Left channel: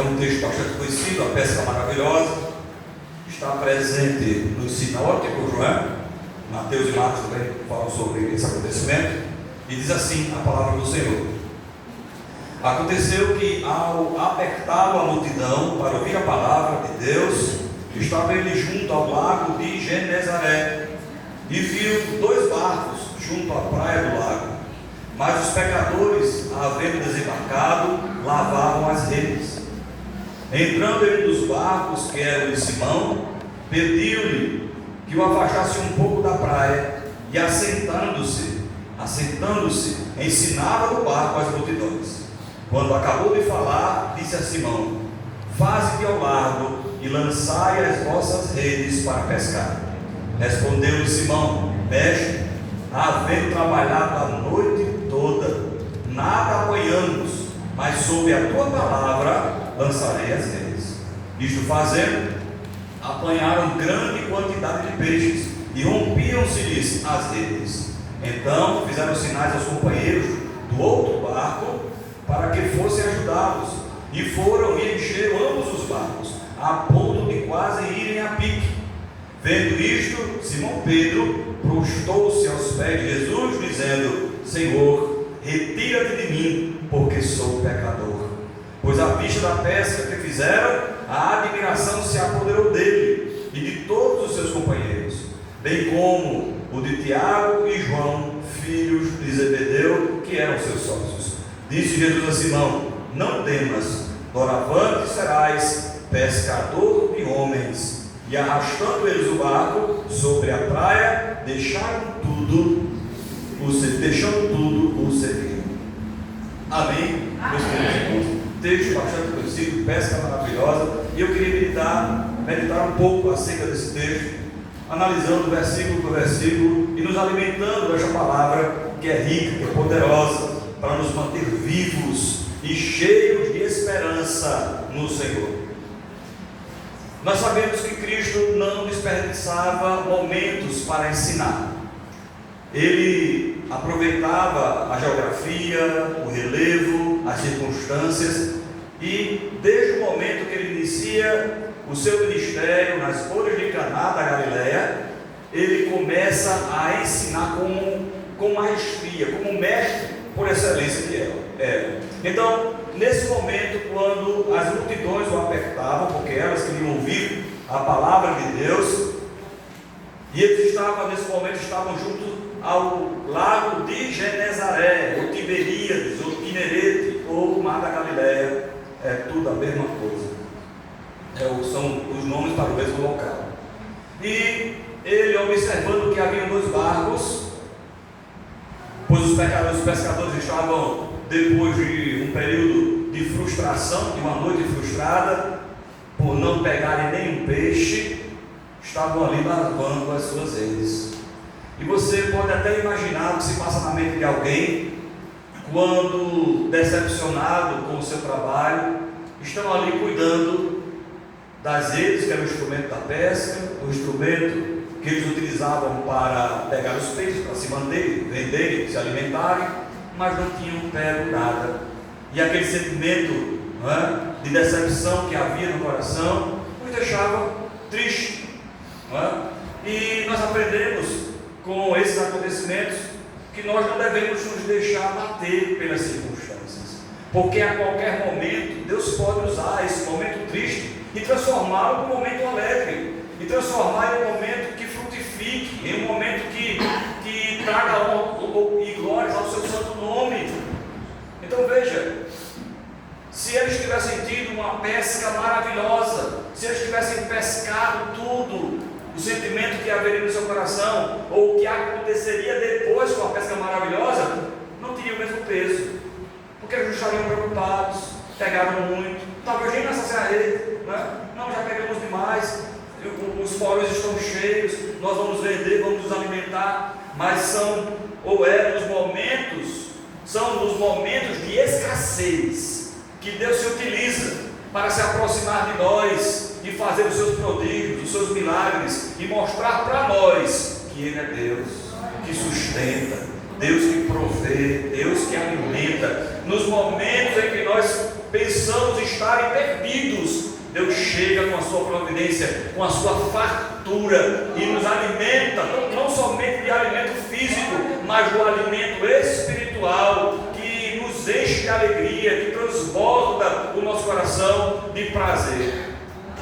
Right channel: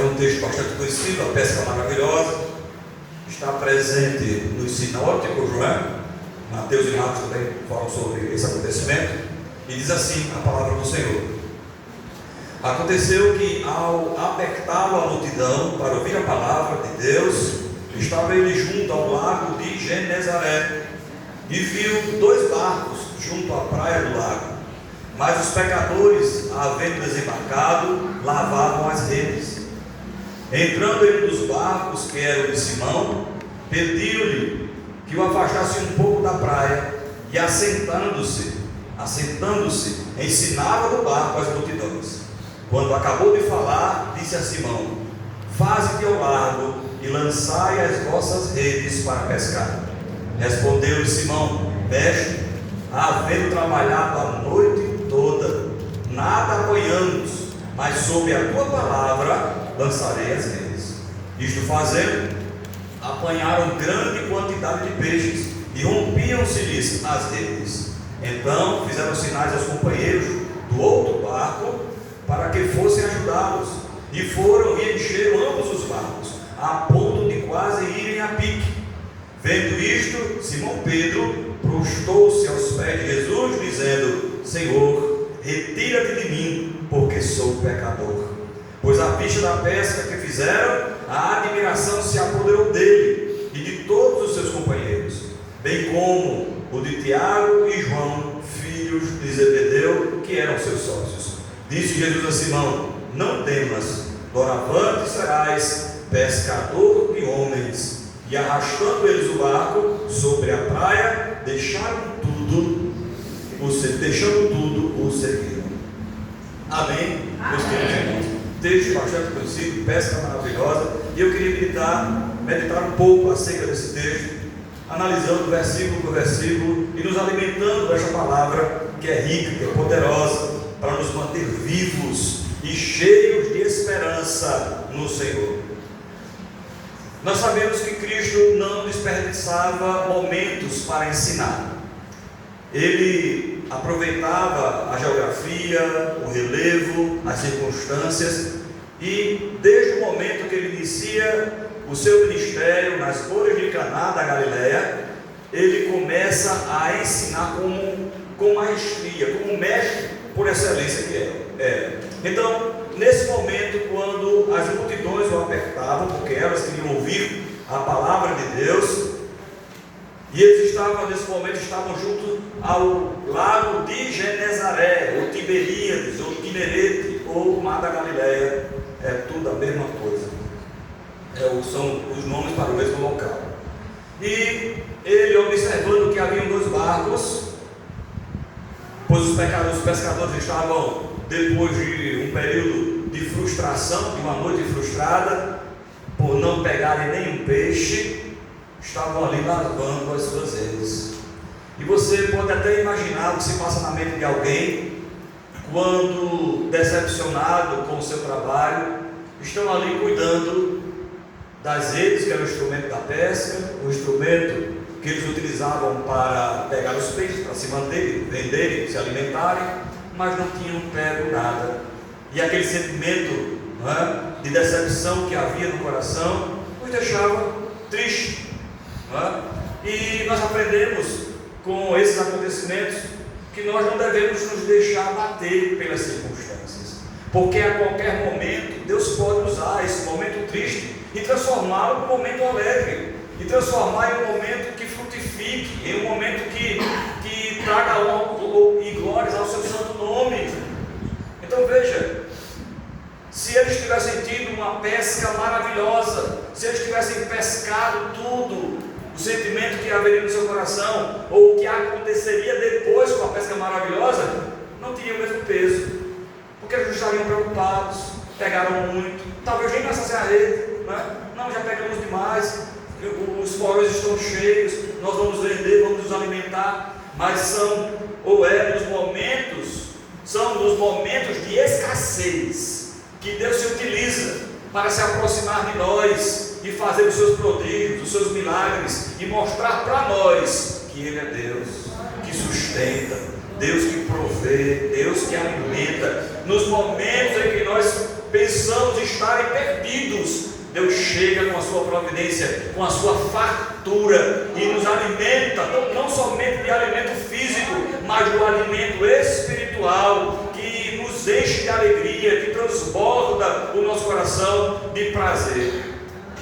É um texto bastante conhecido, a pesca maravilhosa. Está presente nos sinóticos, não é? Mateus e Marcos também falam sobre esse acontecimento. E diz assim a palavra do Senhor: aconteceu que, ao apertá-lo a multidão para ouvir a palavra de Deus, estava ele junto ao lago de Genezaré, e viu 2 barcos junto à praia do lago. Mas os pecadores, havendo desembarcado, lavavam as redes. Entrando em um dos barcos, que era o de Simão, pediu-lhe que o afastasse um pouco da praia, e assentando-se, ensinava do barco as multidões. Quando acabou de falar, disse a Simão: faze-te ao largo e lançai as vossas redes para pescar. Respondeu-lhe Simão: mestre, havendo trabalhado a noite toda, nada apanhamos, mas sob a tua palavra lançarei as redes. Isto fazendo, apanharam grande quantidade de peixes, e rompiam-se-lhes as redes. Então fizeram sinais aos companheiros do outro barco, para que fossem ajudá-los, e foram e encheram ambos os barcos, a ponto de quase irem a pique. Vendo isto, Simão Pedro prostou-se aos pés de Jesus, dizendo: Senhor, retira-te de mim, porque sou pecador. Pois à vista da pesca que fizeram, a admiração se apoderou dele e de todos os seus companheiros, bem como o de Tiago e João, filhos de Zebedeu, que eram seus sócios. Disse Jesus a Simão: não temas, doravante serás pescador de homens. E arrastando eles o barco sobre a praia, deixando tudo, o seguiram. Amém? Meus queridos irmãos, texto bastante conhecido, pesca maravilhosa, e eu queria meditar um pouco acerca desse texto, analisando versículo por versículo e nos alimentando dessa palavra que é rica, que é poderosa, para nos manter vivos e cheios de esperança no Senhor. Nós sabemos que Cristo não desperdiçava momentos para ensinar. Ele aproveitava a geografia, o relevo, as circunstâncias, e desde o momento que ele inicia o seu ministério nas bodas de Caná da Galileia, ele começa a ensinar com maestria, como mestre por excelência que era. Então, nesse momento, quando as multidões o apertavam, porque elas queriam ouvir a palavra de Deus, e eles nesse momento estavam junto ao lago de Genezaré, ou Tiberíades, ou Quinerete, ou Mar da Galileia, é tudo a mesma coisa, são os nomes para o mesmo local. E ele, observando que haviam 2 barcos, pois os pescadores estavam, depois de um período de frustração, de uma noite frustrada, por não pegarem nenhum peixe, estavam ali lavando as suas redes. E você pode até imaginar o que se passa na mente de alguém, quando decepcionado com o seu trabalho, estão ali cuidando das redes, que era o instrumento da pesca, o instrumento que eles utilizavam para pegar os peixes, para se manterem, venderem, se alimentarem, mas não tinham pego nada. E aquele sentimento, não é, de decepção que havia no coração os deixava tristes, não é? E nós aprendemos com esses acontecimentos que nós não devemos nos deixar bater pelas circunstâncias, porque a qualquer momento Deus pode usar esse momento triste e transformá-lo num momento alegre, e transformar em um momento que frutifique, em um momento que traga honra e glórias ao seu santo nome. Então veja, se eles tivessem tido uma pesca maravilhosa, se eles tivessem pescado tudo, o sentimento que haveria no seu coração, ou o que aconteceria depois com a pesca maravilhosa, não teria o mesmo peso, porque eles não estariam preocupados, pegaram muito, talvez nem lançassem a rede, não, já pegamos demais, os porões estão cheios, nós vamos vender, vamos nos alimentar. Mas são nos momentos de escassez que Deus se utiliza para se aproximar de nós e fazer os seus prodígios, os seus milagres, e mostrar para nós que Ele é Deus, que sustenta, Deus que provê, Deus que alimenta. Nos momentos em que nós pensamos estarem perdidos, Deus chega com a sua providência, com a sua fartura e nos alimenta, não somente de alimento físico, mas do alimento espiritual, que nos enche de alegria, que transborda o nosso coração de prazer.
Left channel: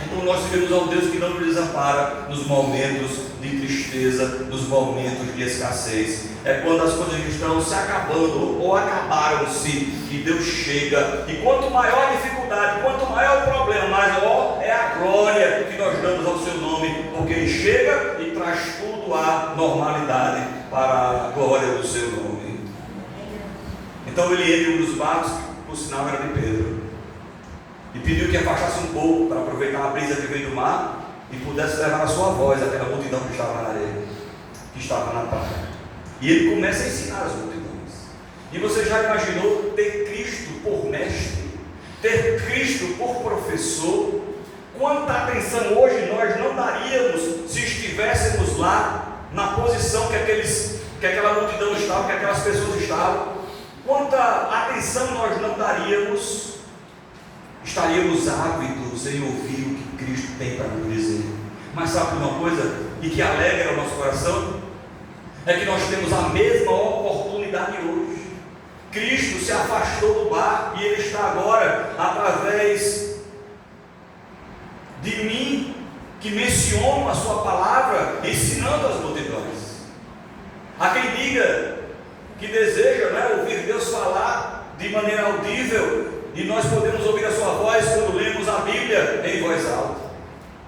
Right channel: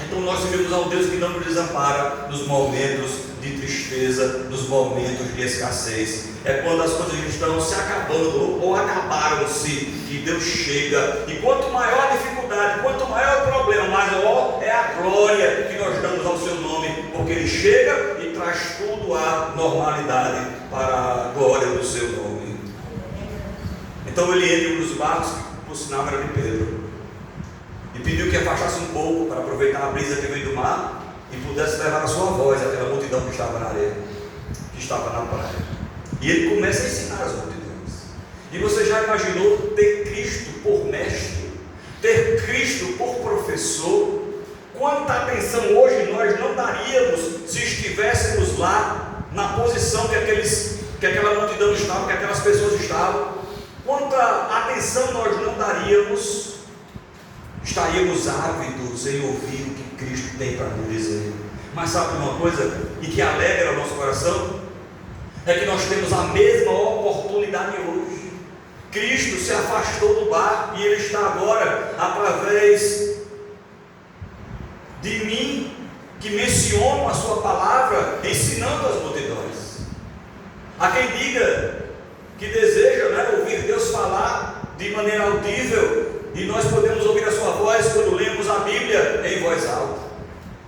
Então nós servimos ao Deus que não nos desampara nos momentos de tristeza, nos momentos de escassez. É quando as coisas estão se acabando ou acabaram-se, que Deus chega. E quanto maior a dificuldade, quanto maior o problema, maior é a glória que nós damos ao seu nome, porque Ele chega e traz tudo à normalidade para a glória do seu nome. Então ele entra em um dos barcos, que por sinal era de Pedro, e pediu que afastasse um pouco para aproveitar a brisa que veio do mar e pudesse levar a sua voz àquela multidão que estava na areia, que estava na praia. E ele começa a ensinar as multidões. E você já imaginou ter Cristo por mestre, ter Cristo por professor? Quanta atenção hoje nós não daríamos se estivéssemos lá na posição que aquela multidão estava, que aquelas pessoas estavam? Quanta atenção nós não daríamos? Estaríamos ávidos em ouvir o que Cristo tem para nos dizer. Mas sabe uma coisa, e que alegra o nosso coração? É que nós temos a mesma oportunidade hoje. Cristo se afastou do barco e Ele está agora, através de mim, que mencionam a sua palavra, ensinando as multidões. Há quem diga que deseja, ouvir Deus falar de maneira audível, e nós podemos ouvir a sua voz quando lemos a Bíblia em voz alta.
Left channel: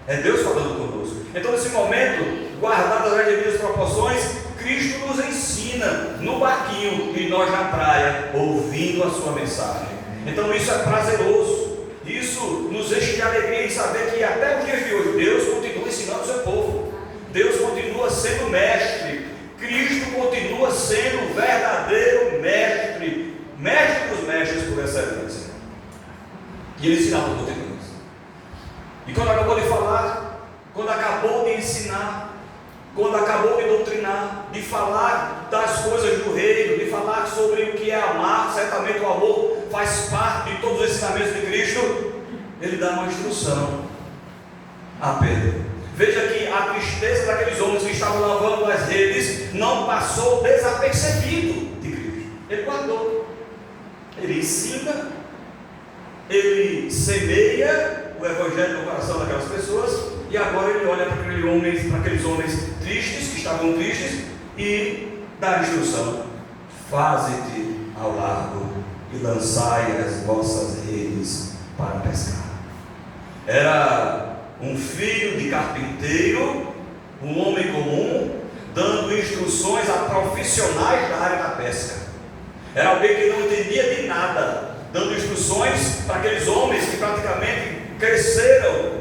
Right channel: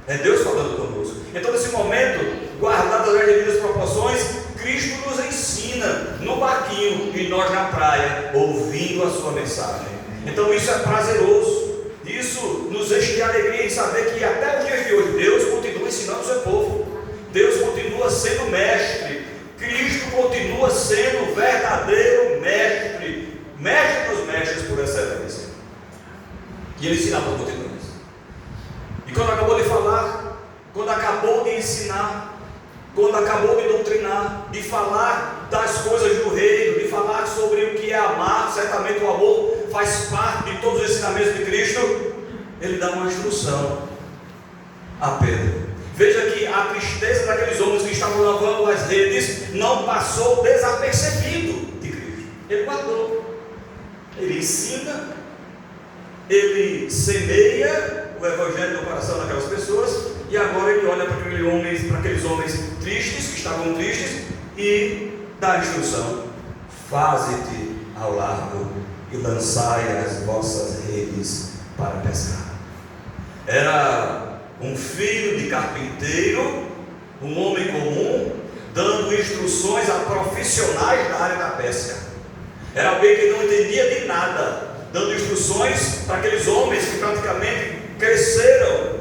É Deus falando conosco. Então, nesse momento, guardadas as devidas proporções, Cristo nos ensina no barquinho e nós na praia, ouvindo a sua mensagem. Então isso é prazeroso, isso nos enche de alegria em saber que até os dias de hoje Deus continua ensinando o seu povo. Deus continua sendo mestre, Cristo continua sendo o verdadeiro mestre, mestre dos mestres por excelência. E Ele ensinava as multidões. E quando acabou de falar, quando acabou de ensinar, quando acabou de doutrinar, de falar das coisas do reino, de falar sobre o que é amar, certamente o amor faz parte de todos os ensinamentos de Cristo, Ele dá uma instrução a Pedro. Veja que a tristeza daqueles homens que estavam lavando as redes não passou desapercebido de Cristo. Ele guardou, Ele ensina, Ele semeia o Evangelho no coração daquelas pessoas, e agora Ele olha para aqueles homens tristes, que estavam tristes, e dá a instrução: faze-te ao largo e lançai as vossas redes para pescar. Era um filho de carpinteiro, um homem comum, dando instruções a profissionais da área da pesca. Era alguém que não entendia de nada, dando instruções para aqueles homens que praticamente cresceram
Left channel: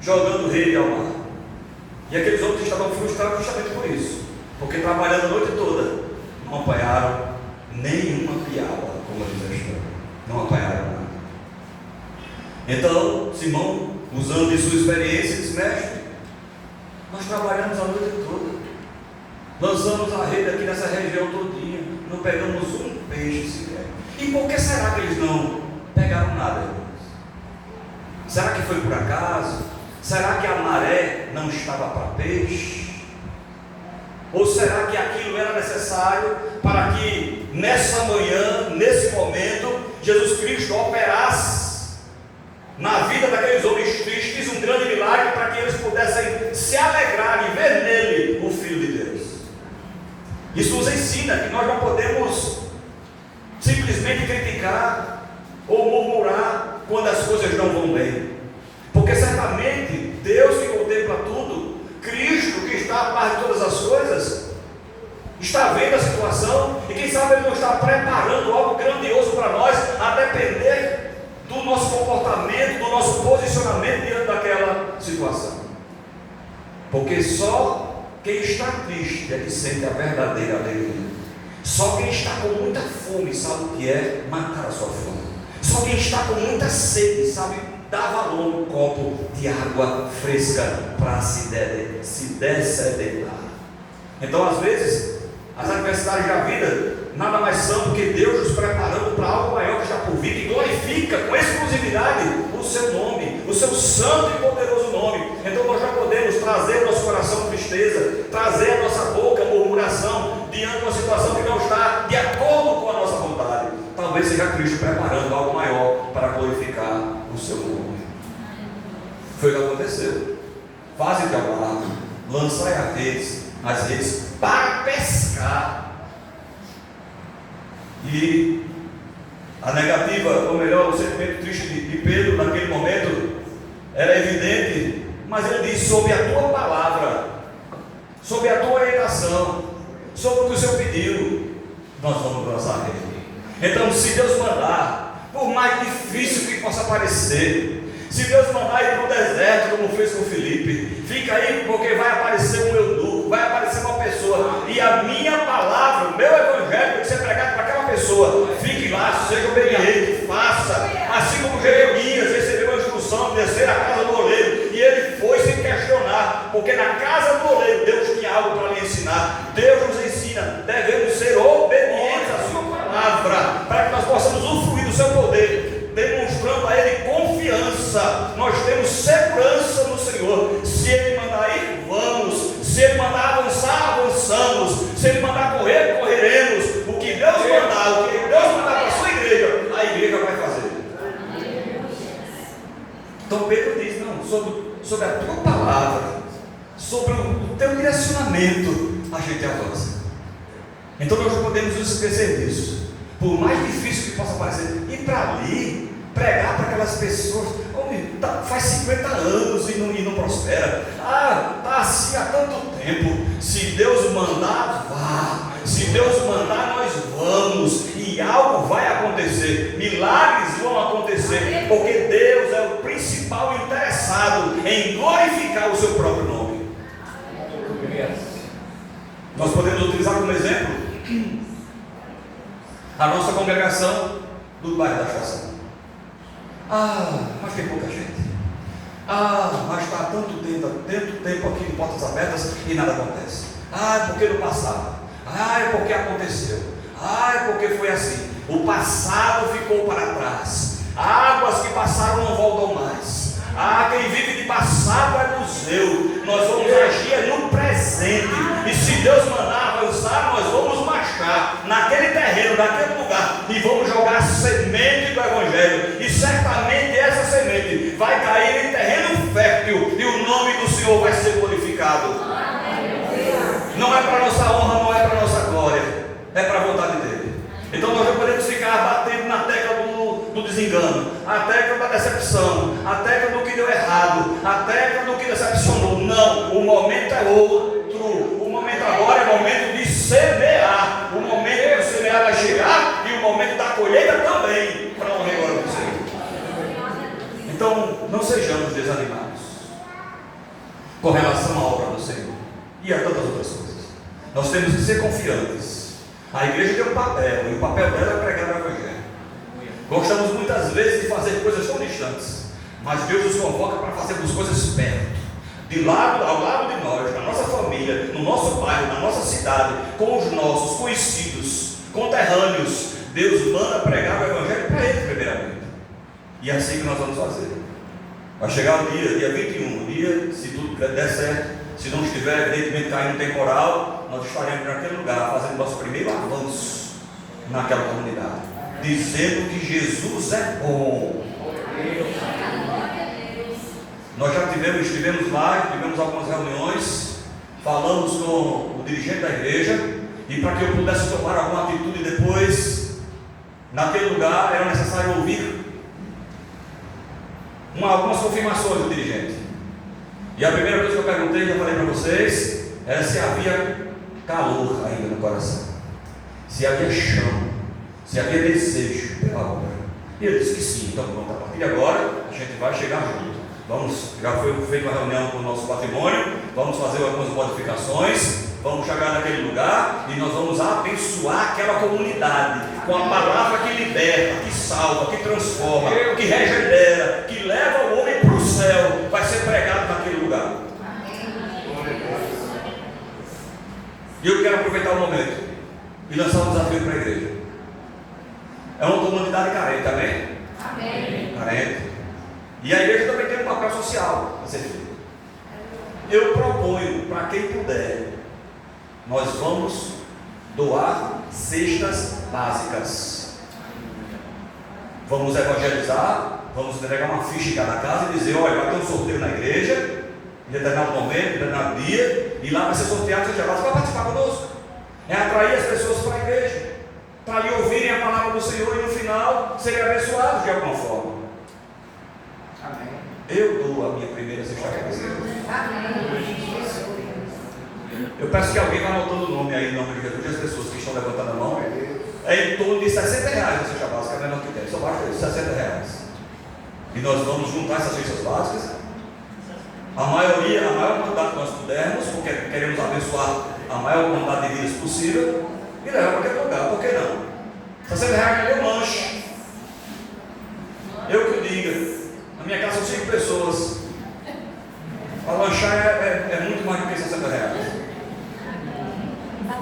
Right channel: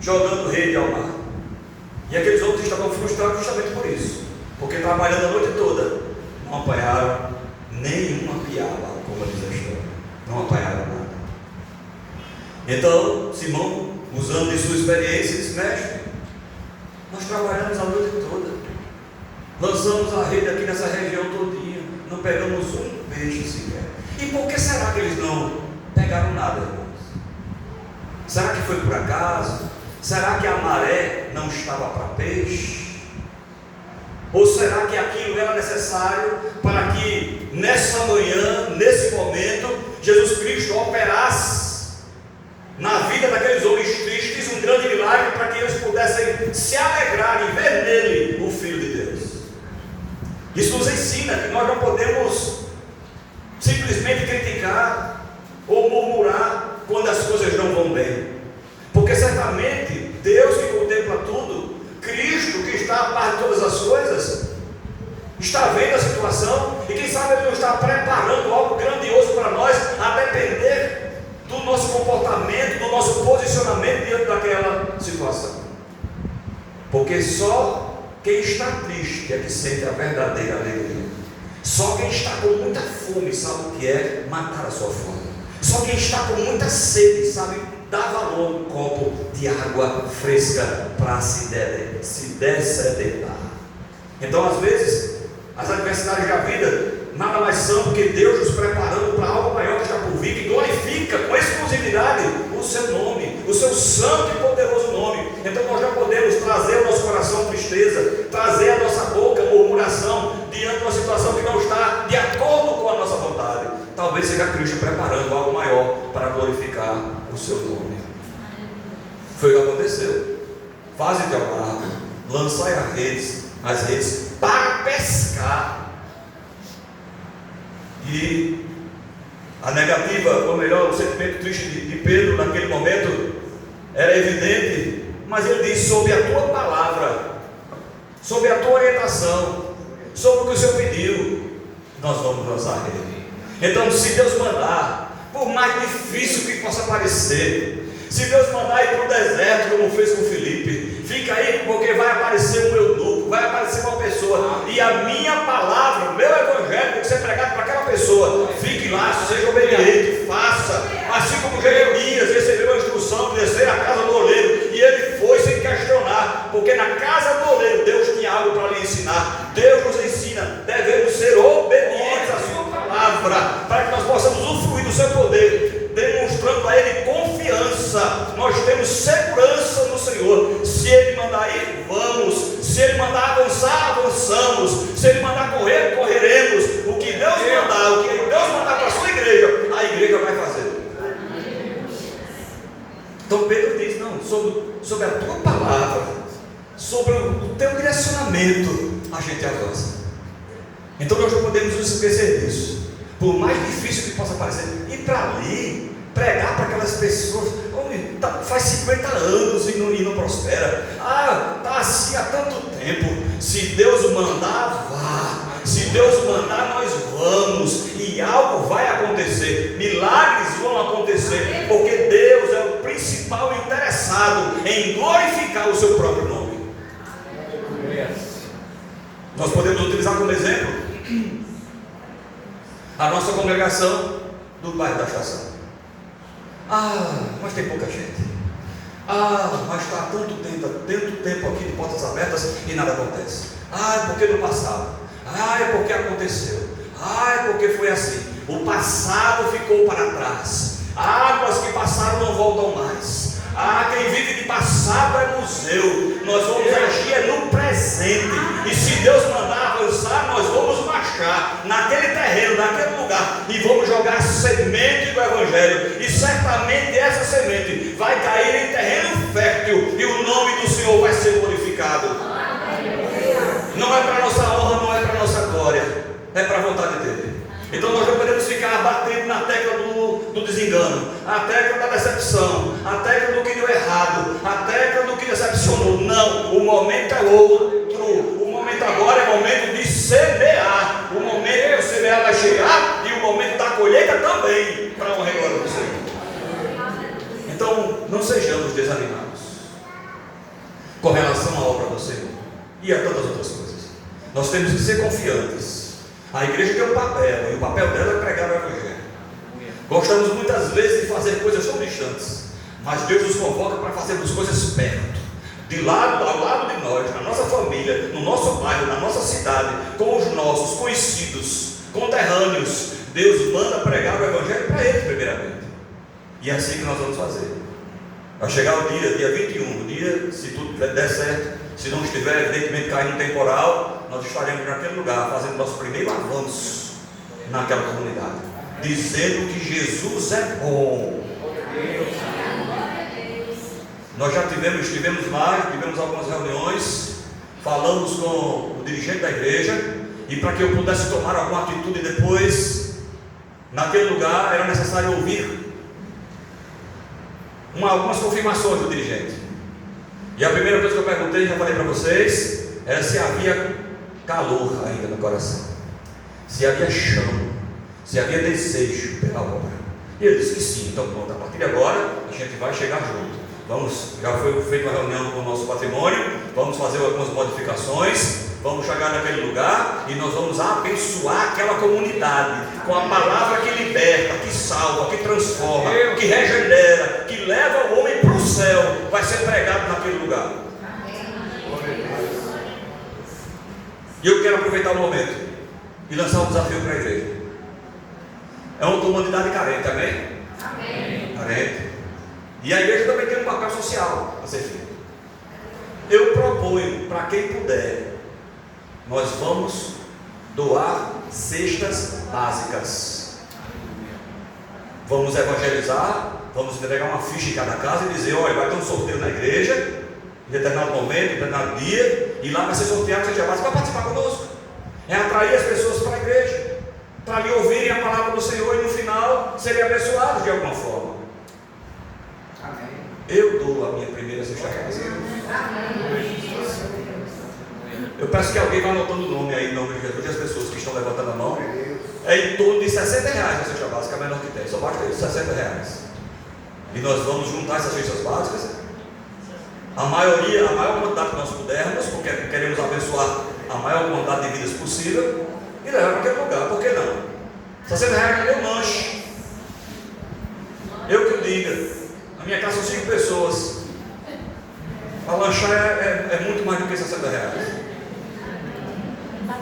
jogando rede ao mar. E aqueles homens estavam frustrados justamente por isso, porque trabalhando a noite toda, não apanharam nenhuma piaba, como diz a história. Não apanharam nada. Então Simão, usando de sua experiência, disse: mestre, nós trabalhamos a noite toda, lançamos a rede aqui nessa região todinha, não pegamos um peixe sequer. E por que será que eles não pegaram nada, irmãos? Será que foi por acaso? Será que a maré não estava para peixe? Ou será que aquilo era necessário para que nessa manhã, nesse momento, Jesus Cristo operasse na vida daqueles homens tristes um grande milagre, para que eles pudessem se alegrar e ver nele o Filho de Deus? Isso nos ensina que nós não podemos simplesmente criticar ou murmurar quando as coisas não vão bem, porque certamente Deus que contempla tudo, Cristo que está a par de todas as coisas, está vendo a situação, e quem sabe Ele não está preparando algo grandioso para nós, a depender do nosso comportamento, do nosso posicionamento diante daquela situação. Porque só quem está triste é que sente a verdadeira alegria. Só quem está com muita fome sabe o que é matar a sua fome. Só quem está com muita sede sabe dar valor a um copo de água fresca para se dessedentar. Então, às vezes, As adversidades da vida nada mais são do que Deus nos preparando para algo maior que está por vir, que glorifica com exclusividade o seu nome, o seu santo e poderoso nome. Então nós já podemos trazer ao nosso coração tristeza, trazer à nossa boca murmuração diante de uma situação que não está de acordo com a nossa vontade. Talvez seja Cristo preparando algo maior para glorificar o seu nome. Foi o que aconteceu. Faze de ao largo, lançai as redes para pescar. E a negativa, ou melhor, o sentimento triste de Pedro naquele momento era evidente, mas ele disse: sob a tua palavra, sob a tua orientação, sobre o que o Senhor pediu, nós vamos lançar a rede. Então, se Deus mandar, por mais difícil que possa parecer, se Deus mandar ir para o deserto, como fez com Filipe, fica aí, porque vai aparecer um eunuco, vai aparecer uma pessoa, e a minha palavra, o meu evangelho tem que ser pregado para aquela pessoa. Fique lá, seja obediente, faça. Assim como Jeremias recebeu a instrução de descer à casa do oleiro, e ele foi sem questionar, porque na casa do oleiro Deus tinha algo para lhe ensinar. Deus nos ensina, devemos ser obedientes à sua palavra, para que nós possamos usufruir do seu poder, demonstrando a Ele confiança. Nós temos segurança no Senhor. Se Ele mandar ir, vamos. Se Ele mandar avançar, avançamos. Se Ele mandar correr, correremos. O que Deus mandar, o que Deus mandar para a sua igreja, a igreja vai fazer. Então Pedro diz: não, sobre a tua palavra, sobre o teu direcionamento, a gente avança. Então nós não podemos nos esquecer disso. Por mais difícil que possa parecer, ir para ali, pregar para aquelas pessoas, faz 50 anos e não prospera. Está assim há tanto tempo. Se Deus mandar, vá. Se Deus mandar, nós vamos. E algo vai acontecer. Milagres vão acontecer. Porque Deus é o principal interessado em glorificar o seu próprio nome. Nós podemos utilizar como exemplo a nossa congregação do bairro da Estação. Mas tem pouca gente. Mas está há tanto tempo aqui de portas abertas e nada acontece. Porque no passado. É porque aconteceu. É porque foi assim. O passado ficou para trás. Águas que passaram não voltam mais. Quem vive de passado é museu. Nós vamos agir no presente. E se Deus mandar avançar, nós vamos marchar naquele terreno, naquele lugar, e vamos jogar a semente do Evangelho. E certamente essa semente vai cair em terreno fértil, e o nome do Senhor vai ser glorificado. Não é para nossa honra, não é para nossa glória, é para a vontade dele. Então nós não podemos ficar batendo na tecla do desengano, a tecla da decepção, a tecla do que deu errado, a tecla do que decepcionou. Não, o momento é outro. O momento agora é o momento de semear. O momento de semear vai chegar, e o momento da colheita também, para a honra e glória do Senhor. Então não sejamos desanimados com relação à obra do Senhor e a tantas outras coisas. Nós temos que ser confiantes. A igreja tem um papel, e o papel dela é pregar o Evangelho. Gostamos muitas vezes de fazer coisas tão distantes, mas Deus nos convoca para fazermos coisas perto, ao lado de nós, na nossa família, no nosso bairro, na nossa cidade, com os nossos conhecidos, conterrâneos. Deus manda pregar o Evangelho para eles primeiramente, e é assim que nós vamos fazer. Vai chegar o dia 21, o dia, se tudo der certo, se não estiver evidentemente caindo um temporal, nós estaremos naquele lugar fazendo nosso primeiro avanço naquela comunidade, dizendo que Jesus é bom. Nós já estivemos lá, tivemos algumas reuniões, falamos com o dirigente da igreja, e para que eu pudesse tomar alguma atitude depois, naquele lugar, era necessário ouvir algumas confirmações do dirigente. E a primeira coisa que eu perguntei, já falei para vocês, era se havia calor ainda no coração, se havia chama, se havia desejo pela obra. E ele disse que sim. Então pronto, a partir de agora a gente vai chegar junto. Já foi feita uma reunião com o nosso patrimônio, vamos fazer algumas modificações, vamos chegar naquele lugar e nós vamos abençoar aquela comunidade com a palavra que liberta, que salva, que transforma, que regenera, que leva o homem para o céu. Vai ser pregado naquele lugar. E eu quero aproveitar o momento e lançar um desafio para a igreja. É uma comunidade carente, amém? Amém. Carente. E a igreja também tem um papel social a ser feito. Eu proponho, para quem puder, nós vamos doar cestas básicas. Vamos evangelizar, vamos entregar uma ficha em cada casa e dizer: olha, vai ter um sorteio na igreja, em determinado momento, em determinado dia, e lá vai ser sorteado cesta básica para participar conosco. É atrair as pessoas para a igreja, para ali ouvirem a palavra do Senhor e no final serem abençoados de alguma forma. Amém. Eu dou a minha primeira cesta básica. Amém. Eu peço que alguém vá anotando o nome aí, em nome de Jesus, e as pessoas que estão levantando a mão. É em torno de R$60 a cesta básica, é a menor que tem, só basta isso, R$60. E nós vamos juntar essas cestas básicas, a maior quantidade que nós pudermos, porque queremos abençoar a maior quantidade de vidas possível, e levar para aquele lugar. Por que não? R$60 não deu lanche. Eu que o diga, na minha casa são 5 pessoas, para lanchar é muito mais do que R$60.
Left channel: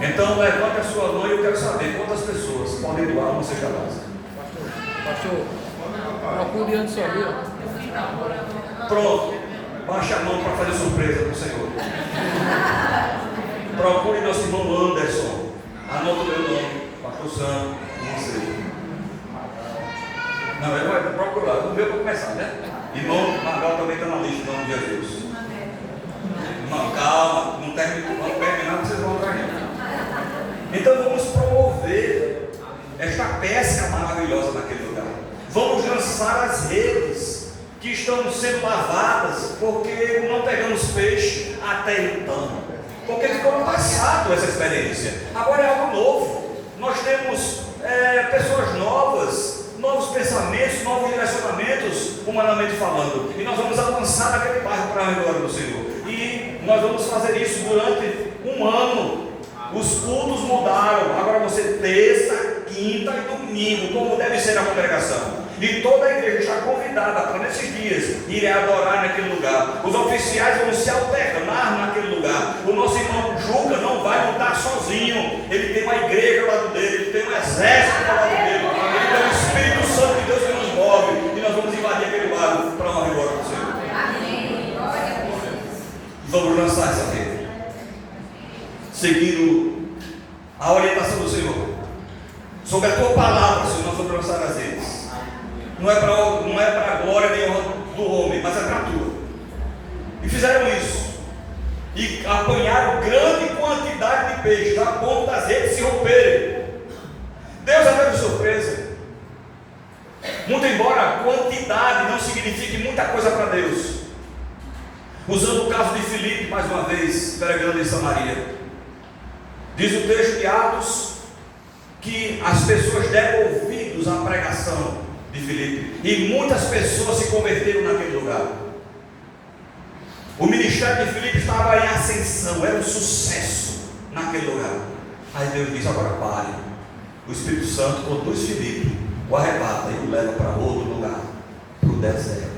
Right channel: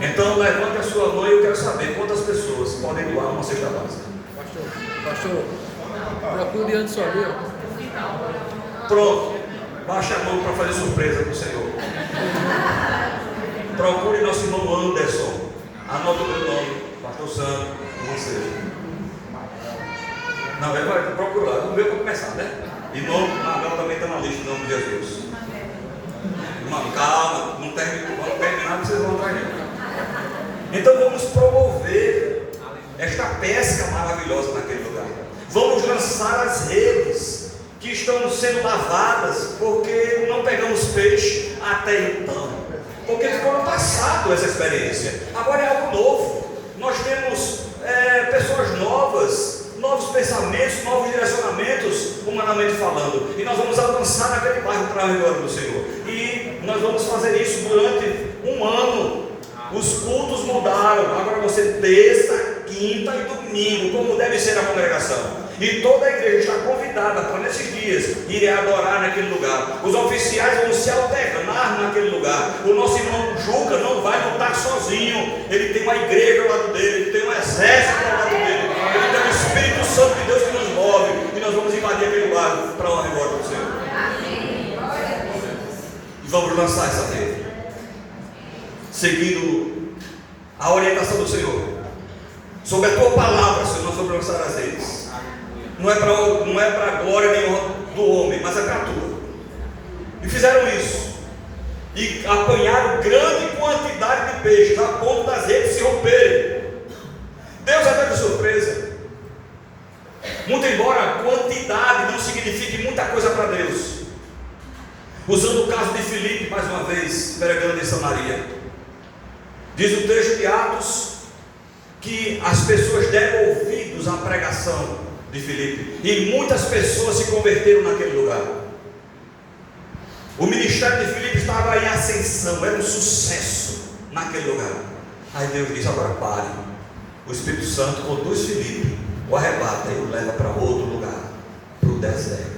Então levante a sua mão e eu quero saber quantas pessoas podem doar uma cesta básica. Pastor, procure antes só ali, ó. Pronto, baixa a mão para fazer surpresa para o Senhor. Procure nosso irmão Anderson. Anota o meu nome, Pastor Santo, uma cesta. Não, ele vai procurar, o meu para começar, né? E nome, Margal também está na lista, em nome de Jesus. Irmão, calma, não terminar, vocês vão atrás dele. Então vamos promover esta pesca maravilhosa naquele lugar. Vamos lançar as redes que estão sendo lavadas, porque não pegamos peixe até então. Porque ficou no passado essa experiência. Agora é algo novo. Nós temos pessoas novas, novos pensamentos, novos direcionamentos, humanamente falando. E nós vamos avançar naquele bairro para a glória do Senhor. E nós vamos fazer isso durante um ano. Os cultos mudaram, agora vai ser terça, quinta e domingo, como deve ser a congregação. E toda a igreja está convidada para nesses dias irem adorar naquele lugar. Os oficiais vão se alternar naquele lugar. O nosso irmão Juca não vai lutar sozinho. Ele tem uma igreja ao lado dele, ele tem um exército ao lado dele, ele tem o Espírito Santo de Deus que nos move. E nós vamos invadir aquele lugar para honra e glória do Senhor. E vamos lançar essa rede, seguindo a orientação do Senhor, sobre a tua palavra, Senhor. Nós vamos lançar as redes. Não é para a glória nem honra do homem, mas é para a tua. E fizeram isso, e apanharam grande quantidade de peixes, a ponto das redes se romperem. Deus é Deus de surpresa. Muito embora a quantidade não signifique muita coisa para Deus. Usando o caso de Filipe, mais uma vez, pregando em Samaria, diz o texto de Atos que as pessoas deram ouvidos à pregação de Filipe, e muitas pessoas se converteram naquele lugar. O ministério de Filipe estava em ascensão, era um sucesso naquele lugar. Aí Deus diz: agora pare. O Espírito Santo conduz Filipe, o arrebata e o leva para outro lugar, para o deserto.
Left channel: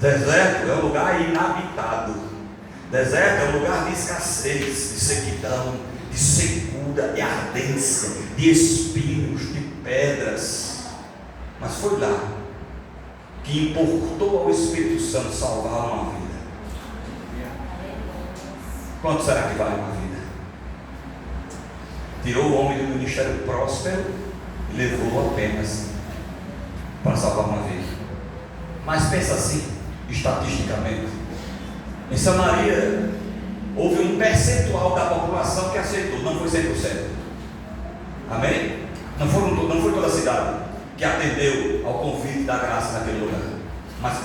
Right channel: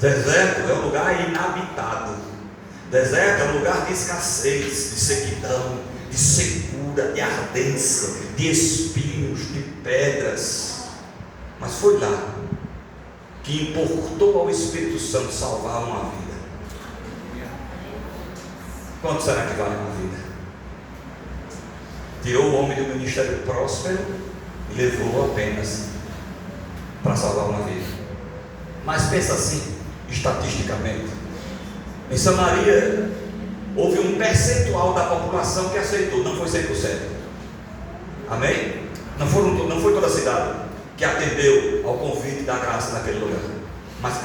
Deserto é um lugar inabitado. Deserto é um lugar de escassez, de sequidão, de secura, de ardência, de espinhos, de pedras. Mas foi lá que importou ao Espírito Santo salvar uma vida. Quanto será que vale uma vida? Tirou o homem do ministério próspero e levou apenas para salvar uma vida. Mas pensa assim, estatisticamente, em Samaria houve um percentual da população que aceitou, não foi 100%. Amém? Não foi toda a cidade que atendeu ao convite da graça naquele lugar, mas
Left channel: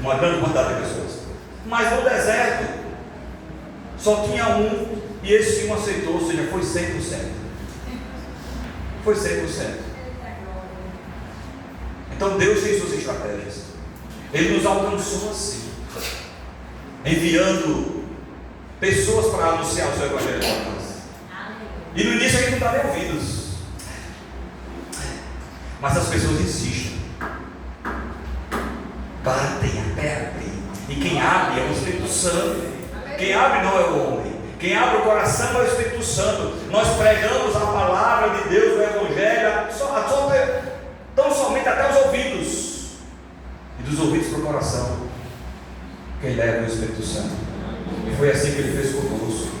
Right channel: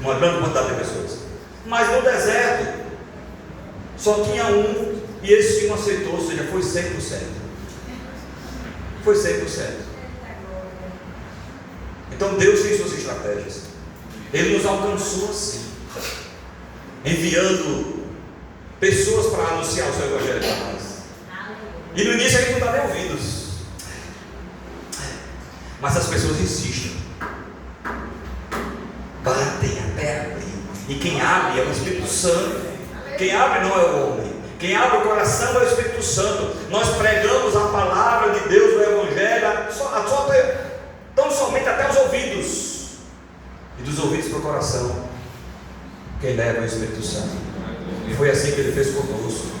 uma grande quantidade de pessoas. Mas no deserto só tinha um, e esse um aceitou, ou seja, foi 100%. Foi 100%. Então Deus tem suas estratégias. Ele nos alcançou assim, enviando pessoas para anunciar o seu evangelho para nós. E no início a gente não dá nem ouvidos, mas as pessoas insistem, batem até abrir. E quem abre é o Espírito Santo. Quem abre não é o homem. Quem abre o coração é o Espírito Espírito Santo. Nós pregamos a palavra de Deus, o Evangelho, tão somente até os ouvidos, e dos ouvidos para o coração. Quem leva é o Espírito Santo. E foi assim que Ele fez conosco.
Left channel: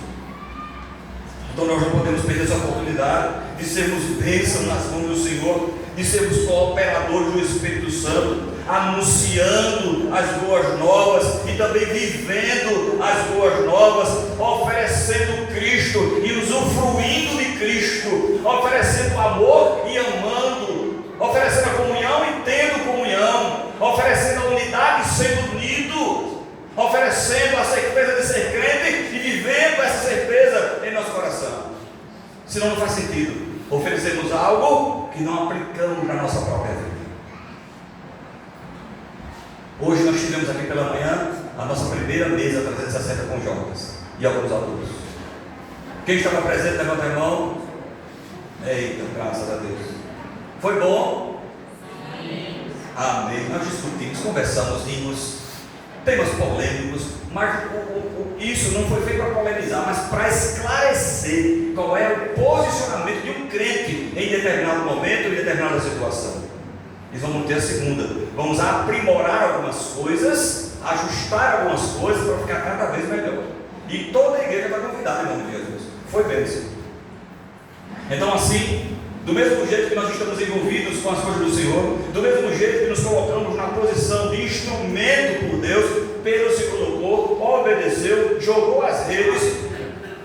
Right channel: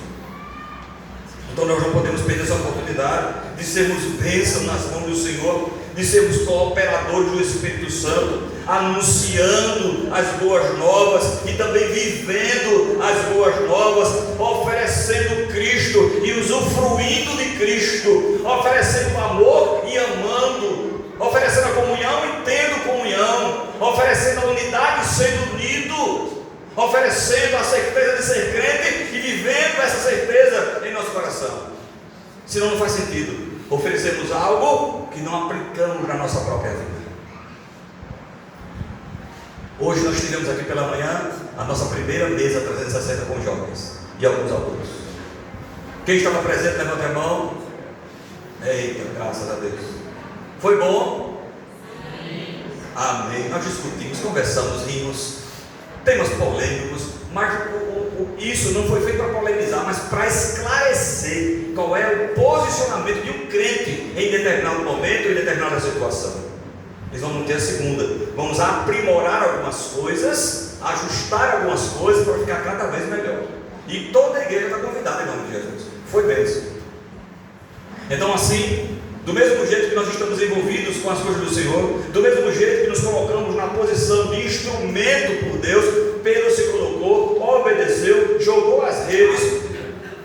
Então nós não podemos perder essa oportunidade de sermos bênção nas mãos do Senhor, de sermos cooperadores do Espírito Santo, anunciando as boas novas e também vivendo as boas novas, oferecendo Cristo e usufruindo de Cristo, oferecendo amor e amando, oferecendo a comunhão e tendo comunhão, oferecendo a unidade e sendo unido, oferecendo a certeza de ser crente e vivendo essa certeza em nosso coração. Senão não faz sentido oferecermos algo que não aplicamos na nossa própria vida. Hoje nós tivemos aqui pela manhã a nossa primeira mesa 360 com jovens e alguns adultos. Quem estava presente, levanta a mão. Eita, graças a Deus. Foi bom? Sim. Amém. Nós discutimos, conversamos, rimos, temas polêmicos, mas isso não foi feito para polemizar, mas para esclarecer qual é o posicionamento de um crente em determinado momento, em determinada situação. E vamos ter a segunda, vamos aprimorar algumas coisas, ajustar algumas coisas para ficar cada vez melhor. E toda a igreja está convidada em nome de Jesus. Foi bênção. Então, assim, do mesmo jeito que nós estamos envolvidos com as coisas do Senhor, do mesmo jeito que nos colocamos na posição de instrumento por Deus, Pedro se colocou, obedeceu, jogou as redes,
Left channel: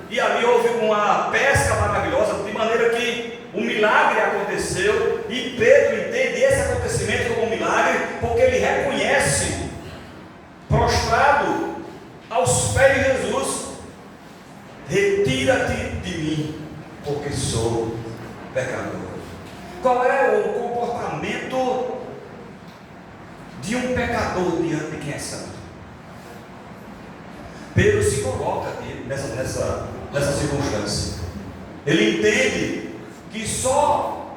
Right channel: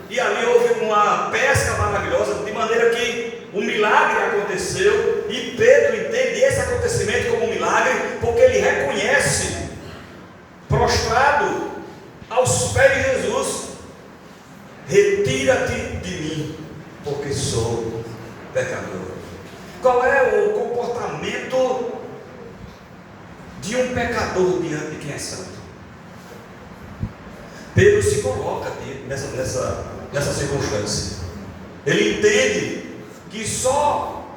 e ali houve uma pesca maravilhosa, de maneira que um milagre aconteceu, e Pedro entende esse acontecimento como um milagre, porque ele reconhece, prostrado aos pés de Jesus: retira-te de mim, porque sou pecador. Qual é o comportamento de um pecador diante de quem é santo? Pedro se coloca aqui nessa circunstância. Ele entende que só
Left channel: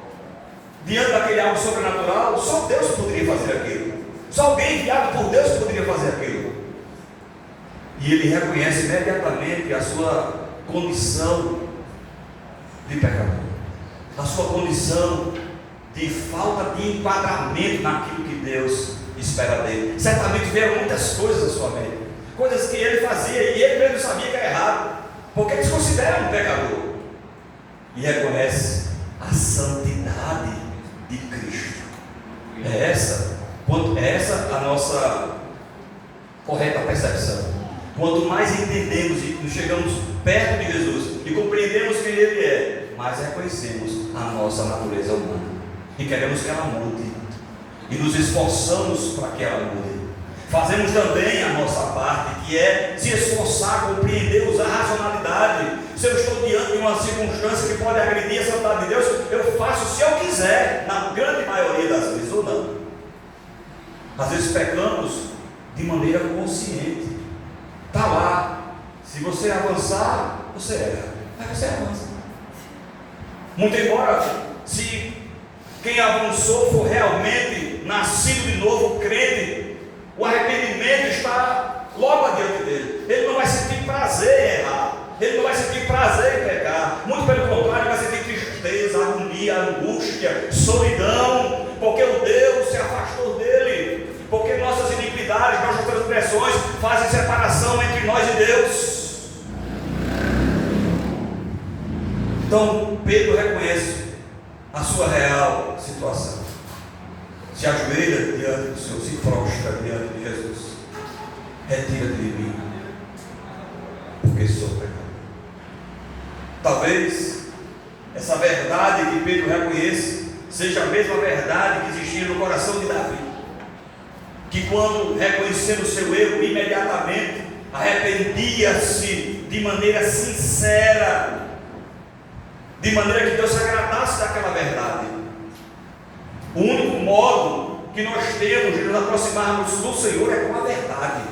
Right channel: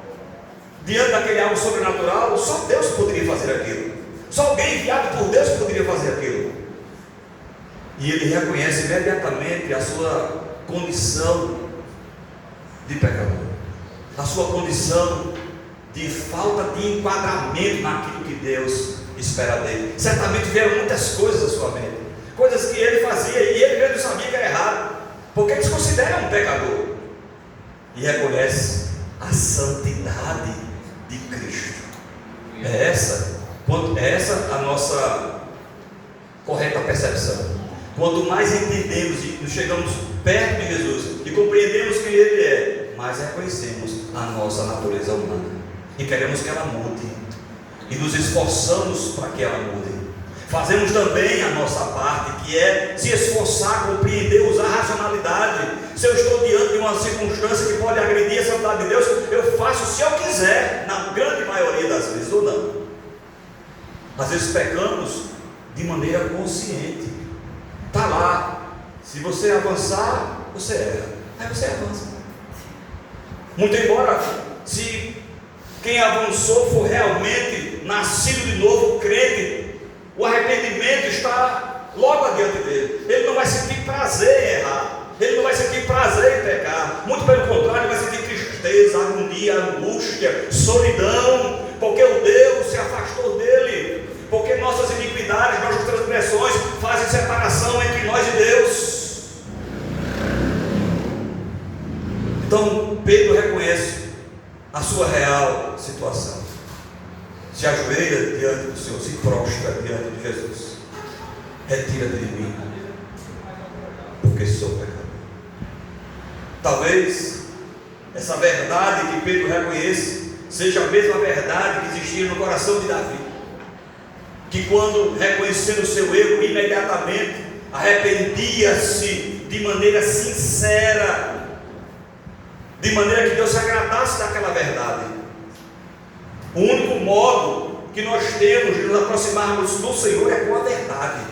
diante daquele algo sobrenatural, só Deus poderia fazer aquilo. Só alguém enviado por Deus poderia fazer aquilo. E ele reconhece imediatamente a sua condição de pecador, a sua condição de falta de enquadramento naquilo que Deus espera dele. Certamente vieram muitas coisas à sua mente, coisas que ele fazia e ele mesmo sabia que era errado, porque ele se considera um pecador e reconhece a santidade de Cristo. É essa a nossa correta percepção. Quanto mais entendemos e chegamos perto de Jesus e compreendemos quem Ele é, mais reconhecemos a nossa natureza humana e queremos que ela mude, e nos esforçamos para que ela mude. Fazemos também a nossa parte, que é se esforçar, compreender, usar a racionalidade. Se eu estou diante de uma circunstância que pode agredir a santidade de Deus, eu faço se eu quiser, na grande maioria das vezes, ou não. Às vezes pecamos de maneira consciente. Está lá, se você avançar, você erra, aí você avança. Muito embora, se quem avançou for realmente nascido de novo, crente, o arrependimento está logo adiante dele. Ele não vai sentir prazer em errar, ele não vai sentir prazer em pecar, muito pelo contrário, ele vai sentir tristeza, agonia, angústia, solidão, porque o Deus se afastou dele, porque nossas iniquidades, nossas transgressões fazem separação entre nós e Deus. Então Pedro reconhece a sua real situação, se ajoelha diante do Senhor, se prostra diante de Jesus: retira-te de mim, porque sou pecador. Talvez essa verdade que Pedro reconhece seja a mesma verdade que existia no coração de Davi, que quando reconhecendo o seu erro, imediatamente arrependia-se de maneira sincera, de maneira que Deus se agradasse daquela verdade. O único modo que nós temos de nos aproximarmos do Senhor é com a verdade,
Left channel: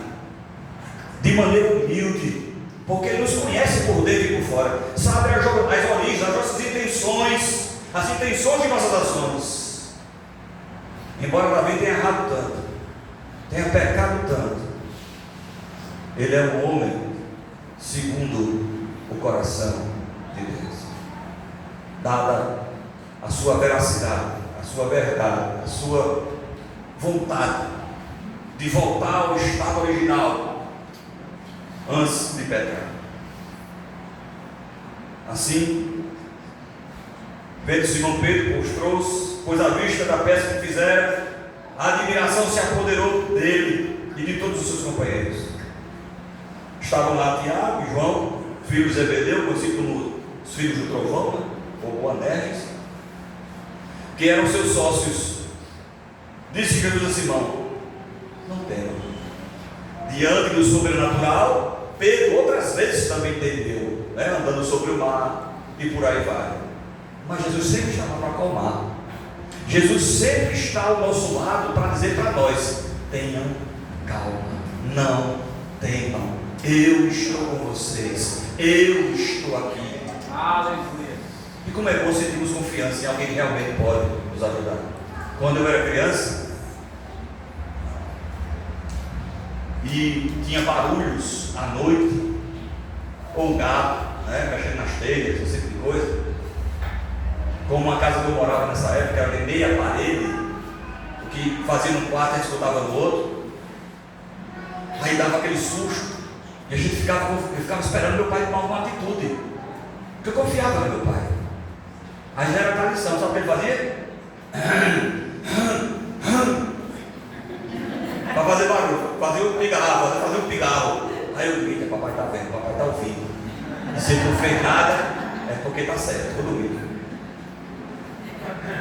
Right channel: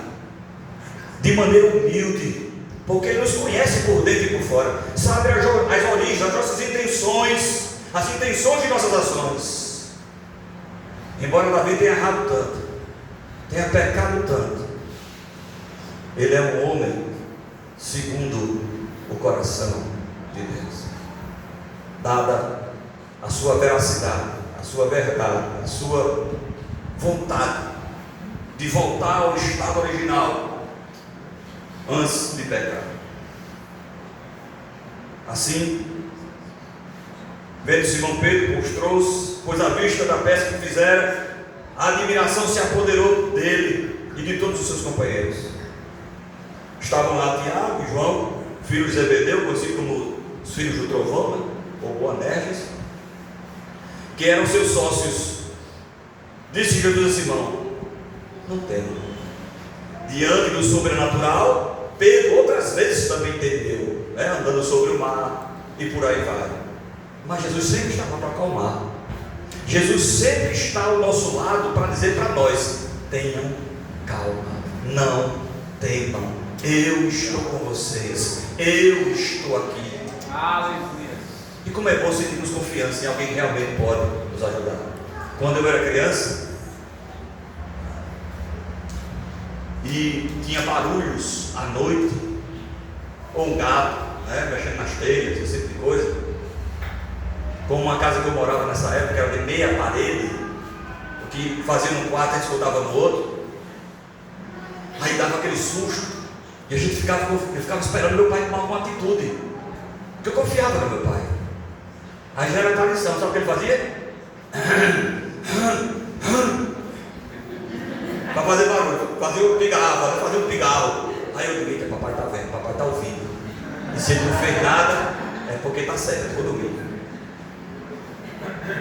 de maneira humilde, porque Ele nos conhece por dentro e por fora, sabe as origens, as nossas intenções, as intenções de nossas ações. Embora Davi tenha errado tanto, tenha pecado tanto, ele é um homem segundo o coração de de Deus, dada a sua veracidade, a sua verdade, a sua vontade de voltar ao estado original antes de pecar. Assim, vendo Simão Pedro, mostrou-se, pois à vista da pesca que fizera, a admiração se apoderou dele e de todos os seus companheiros. Estavam lá Tiago e João, filhos de Zebedeu, conhecidos como os filhos do trovão, né? Ou Boanerges, que eram seus sócios. Disse Jesus a Simão: não temam. Diante do sobrenatural, Pedro outras vezes também temeu, né? Andando sobre o mar e por aí vai. Mas Jesus sempre estava para acalmar. Jesus sempre está ao nosso lado para dizer para nós: tenham calma, não temam, eu estou com vocês, eu estou aqui. E como é bom sentirmos confiança em alguém que realmente pode nos ajudar. Quando eu era criança e tinha barulhos à noite, ou um gato, né, mexendo nas telhas, esse tipo de coisa, como uma casa que eu morava nessa época era de meia parede, o que fazia num quarto a gente escutava no outro, aí dava aquele susto, e a gente ficava esperando meu pai tomar alguma atitude, porque eu confiava no meu pai. Aí já era tradição, sabe o que ele fazia? Para fazer barulho, fazia um pigarro. Aí eu digo: papai está vendo, papai está ouvindo. E se ele não fez nada, é porque está certo, vou dormir.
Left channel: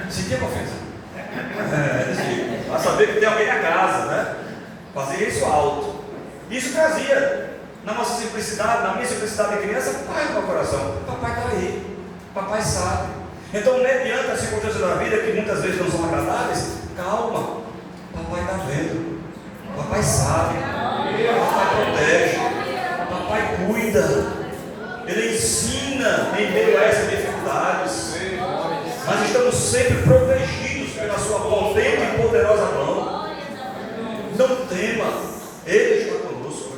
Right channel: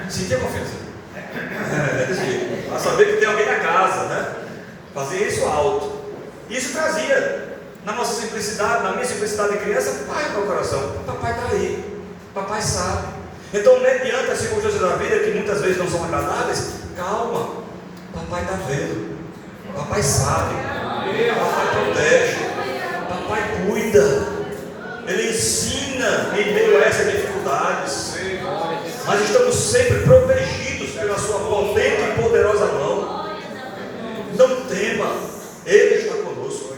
Sentia confiança. Para saber que tem alguém na casa, né? Fazia isso alto. Isso trazia, na nossa simplicidade, na minha simplicidade de criança, paz no meu coração. Papai está aí, papai sabe. Então, mediante as circunstâncias da vida, que muitas vezes não são agradáveis, calma, papai está vendo, papai sabe, papai protege, papai cuida, ele ensina em meio a essas dificuldades. Mas estamos sempre protegidos pela sua potente e poderosa mão. Não tema, ele está conosco.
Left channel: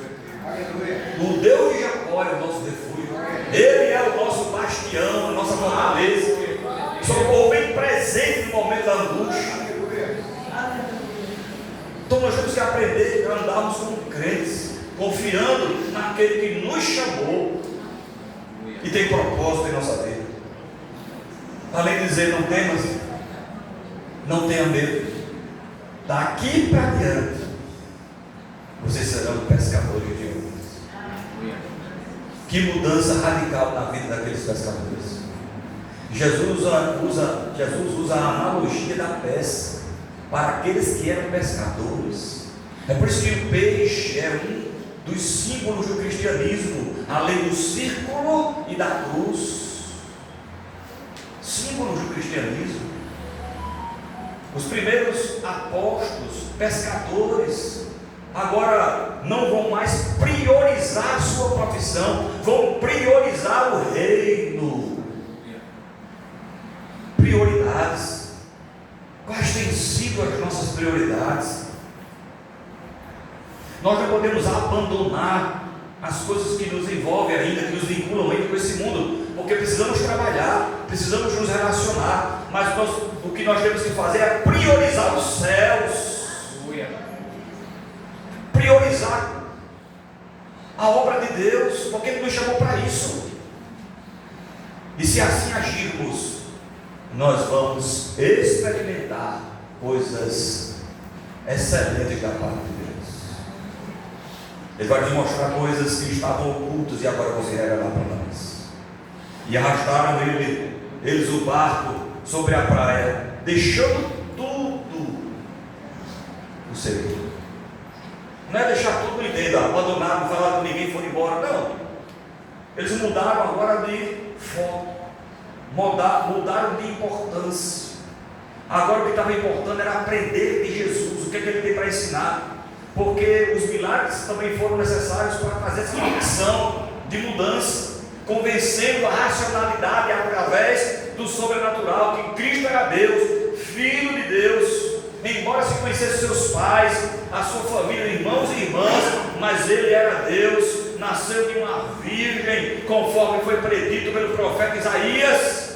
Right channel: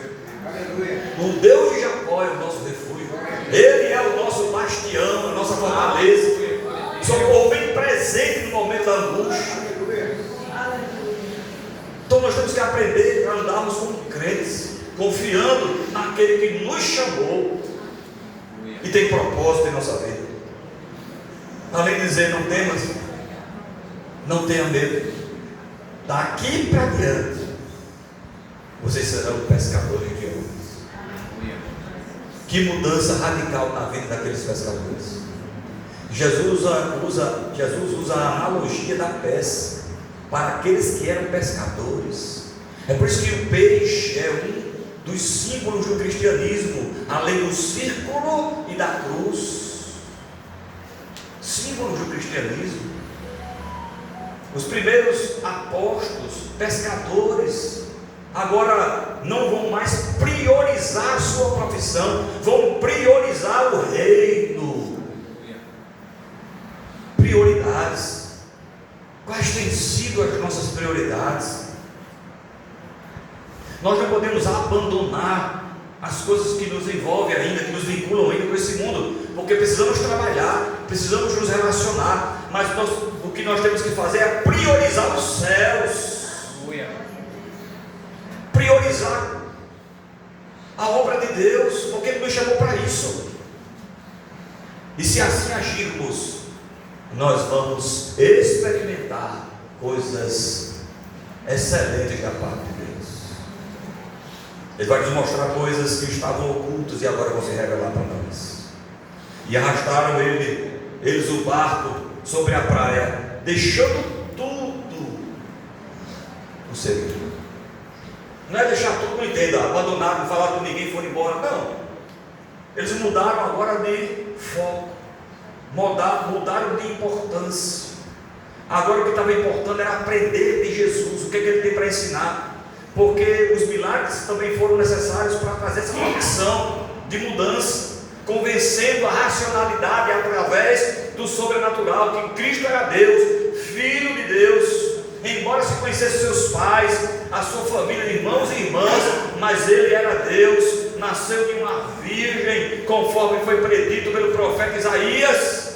O Deus de Jacó é o nosso refúgio, ele é o nosso bastião, a nossa fortaleza, socorro bem presente no momento da angústia. Então nós temos que aprender a andarmos como crentes, confiando naquele que nos chamou e tem propósito em nossa vida. Além de dizer: não temas, não tenha medo, daqui para diante vocês serão pescadores de homens. Que mudança radical na vida daqueles pescadores. Jesus usa a analogia da pesca para aqueles que eram pescadores. É por isso que o peixe é um dos símbolos do cristianismo, além do círculo e da cruz. Símbolos do cristianismo. Os primeiros apóstolos, pescadores, agora não vão mais priorizar a sua profissão, vão priorizar o reino. Prioridades. Quais têm sido as nossas prioridades? Nós não podemos abandonar as coisas que nos envolvem ainda, que nos vinculam ainda com esse mundo, porque precisamos trabalhar, precisamos nos relacionar, mas o que nós temos que fazer é priorizar os céus, priorizar a obra de Deus, porque Ele nos chamou para isso. E se assim agirmos, nós vamos experimentar coisas excelentes da parte de Deus. Ele vai nos mostrar coisas que estavam ocultas e agora vão se revelar para nós. E arrastaram eles o barco sobre a praia, deixando tudo o seguir. Não é deixar tudo, não entenda, abandonar, não falar com ninguém, foram embora. Não. Eles mudaram agora de foco, mudaram de importância. Agora o que estava importando era aprender de Jesus, o que ele tem para ensinar. Porque os milagres também foram necessários para trazer essa convicção de mudança, convencendo a racionalidade através do sobrenatural, que Cristo era Deus, Filho de Deus, embora se conhecesse seus pais, a sua família, irmãos e irmãs, mas Ele era Deus na nasceu de uma virgem, conforme foi predito pelo profeta Isaías.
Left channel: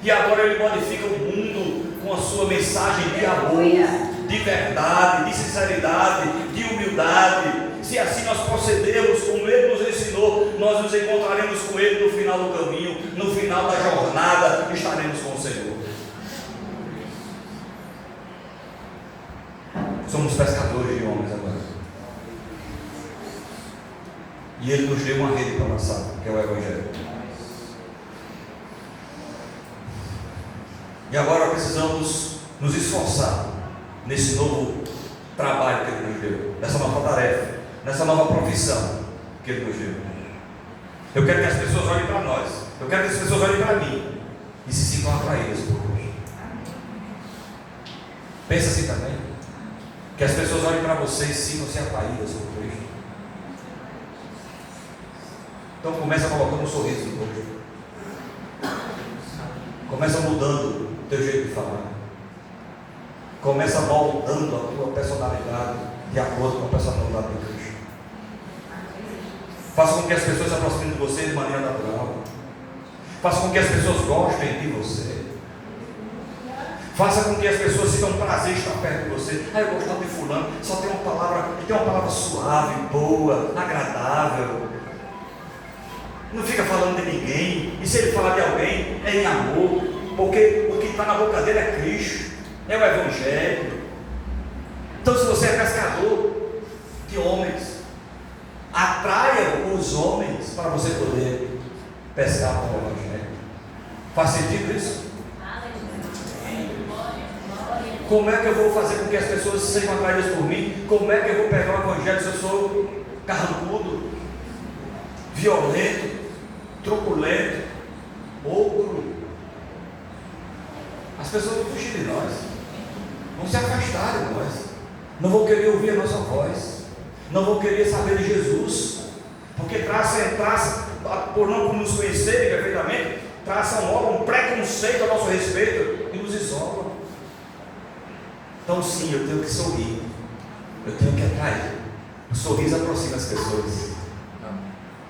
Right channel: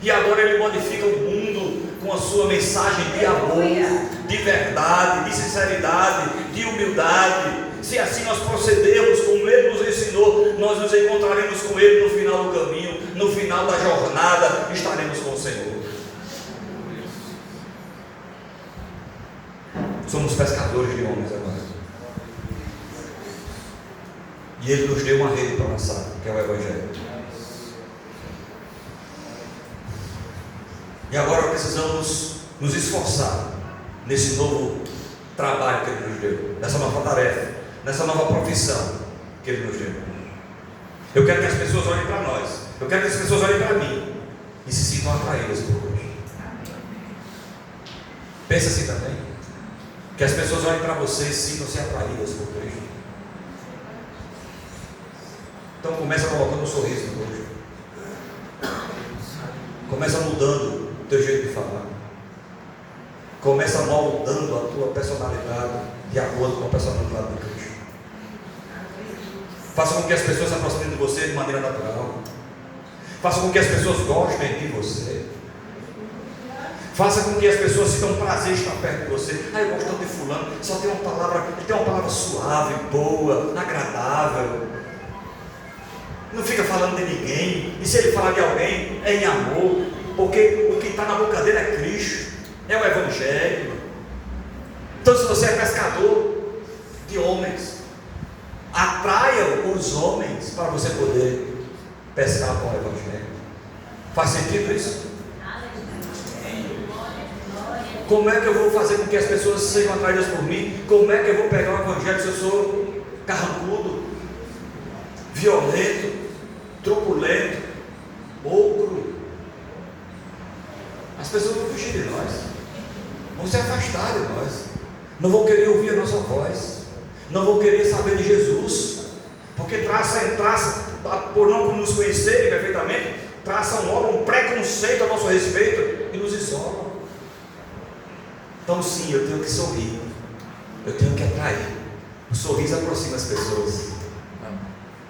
E agora ele modifica o mundo com a sua mensagem de amor, de verdade, de sinceridade, de humildade. Se assim nós procedermos como ele nos ensinou, nós nos encontraremos com ele no final do caminho, no final da jornada, estaremos com o Senhor. Somos pescadores de homens agora. E ele nos deu uma rede para lançar, que é o Evangelho. E agora precisamos nos esforçar nesse novo trabalho que ele nos deu, nessa nova tarefa, nessa nova profissão que ele nos deu. Eu quero que as pessoas olhem para nós, eu quero que as pessoas olhem para mim e se sintam atraídas por Deus. Pensa assim também, que as pessoas olhem para você e sintam-se atraídas por Cristo. Então começa colocando um sorriso no rosto, começa mudando o teu jeito de falar, começa moldando a tua personalidade de acordo com a personalidade de Cristo. Faça com que as pessoas se aproximem de você de maneira natural. Faça com que as pessoas gostem de você. Faça com que as pessoas sintam prazer em estar perto de você. Eu gosto tanto de fulano, só tem uma palavra suave, boa, agradável. Não fica falando de ninguém. E se ele falar de alguém, é em amor. Porque o que está na boca dele é Cristo, é o Evangelho. Então, se você é pescador de homens, atraia os homens para você poder pescar com o Evangelho. Faz sentido isso? Como é que eu vou fazer com que as pessoas sejam atraídas por mim? Como é que eu vou pegar o Evangelho se eu sou carrancudo, violento, truculento, ogro? As pessoas vão fugir de nós, vão se afastar de nós, não vão querer ouvir a nossa voz, não vão querer saber de Jesus, porque traça por não nos conhecerem perfeitamente, traçam logo um preconceito a nosso respeito e nos isolam. Então sim, eu tenho que sorrir, eu tenho que atrair. O sorriso aproxima as pessoas,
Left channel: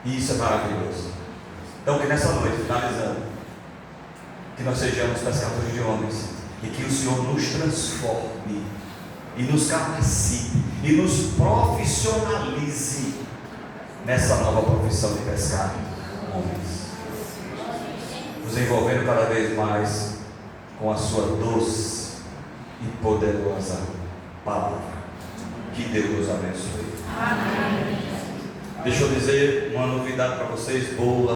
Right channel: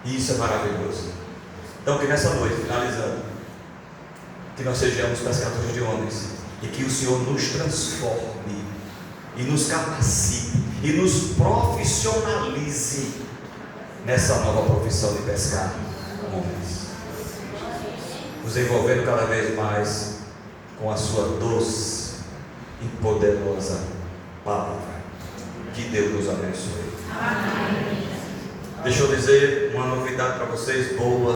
e isso é maravilhoso. Então que nessa noite, finalizando, que nós sejamos pescadores de homens, e que o Senhor nos transforme, e nos capacite, e nos profissionalize nessa nova profissão de pescar homens, nos envolvendo cada vez mais com a sua doce e poderosa palavra. Que Deus nos abençoe. Amém. Deixa eu dizer uma novidade para vocês, boa.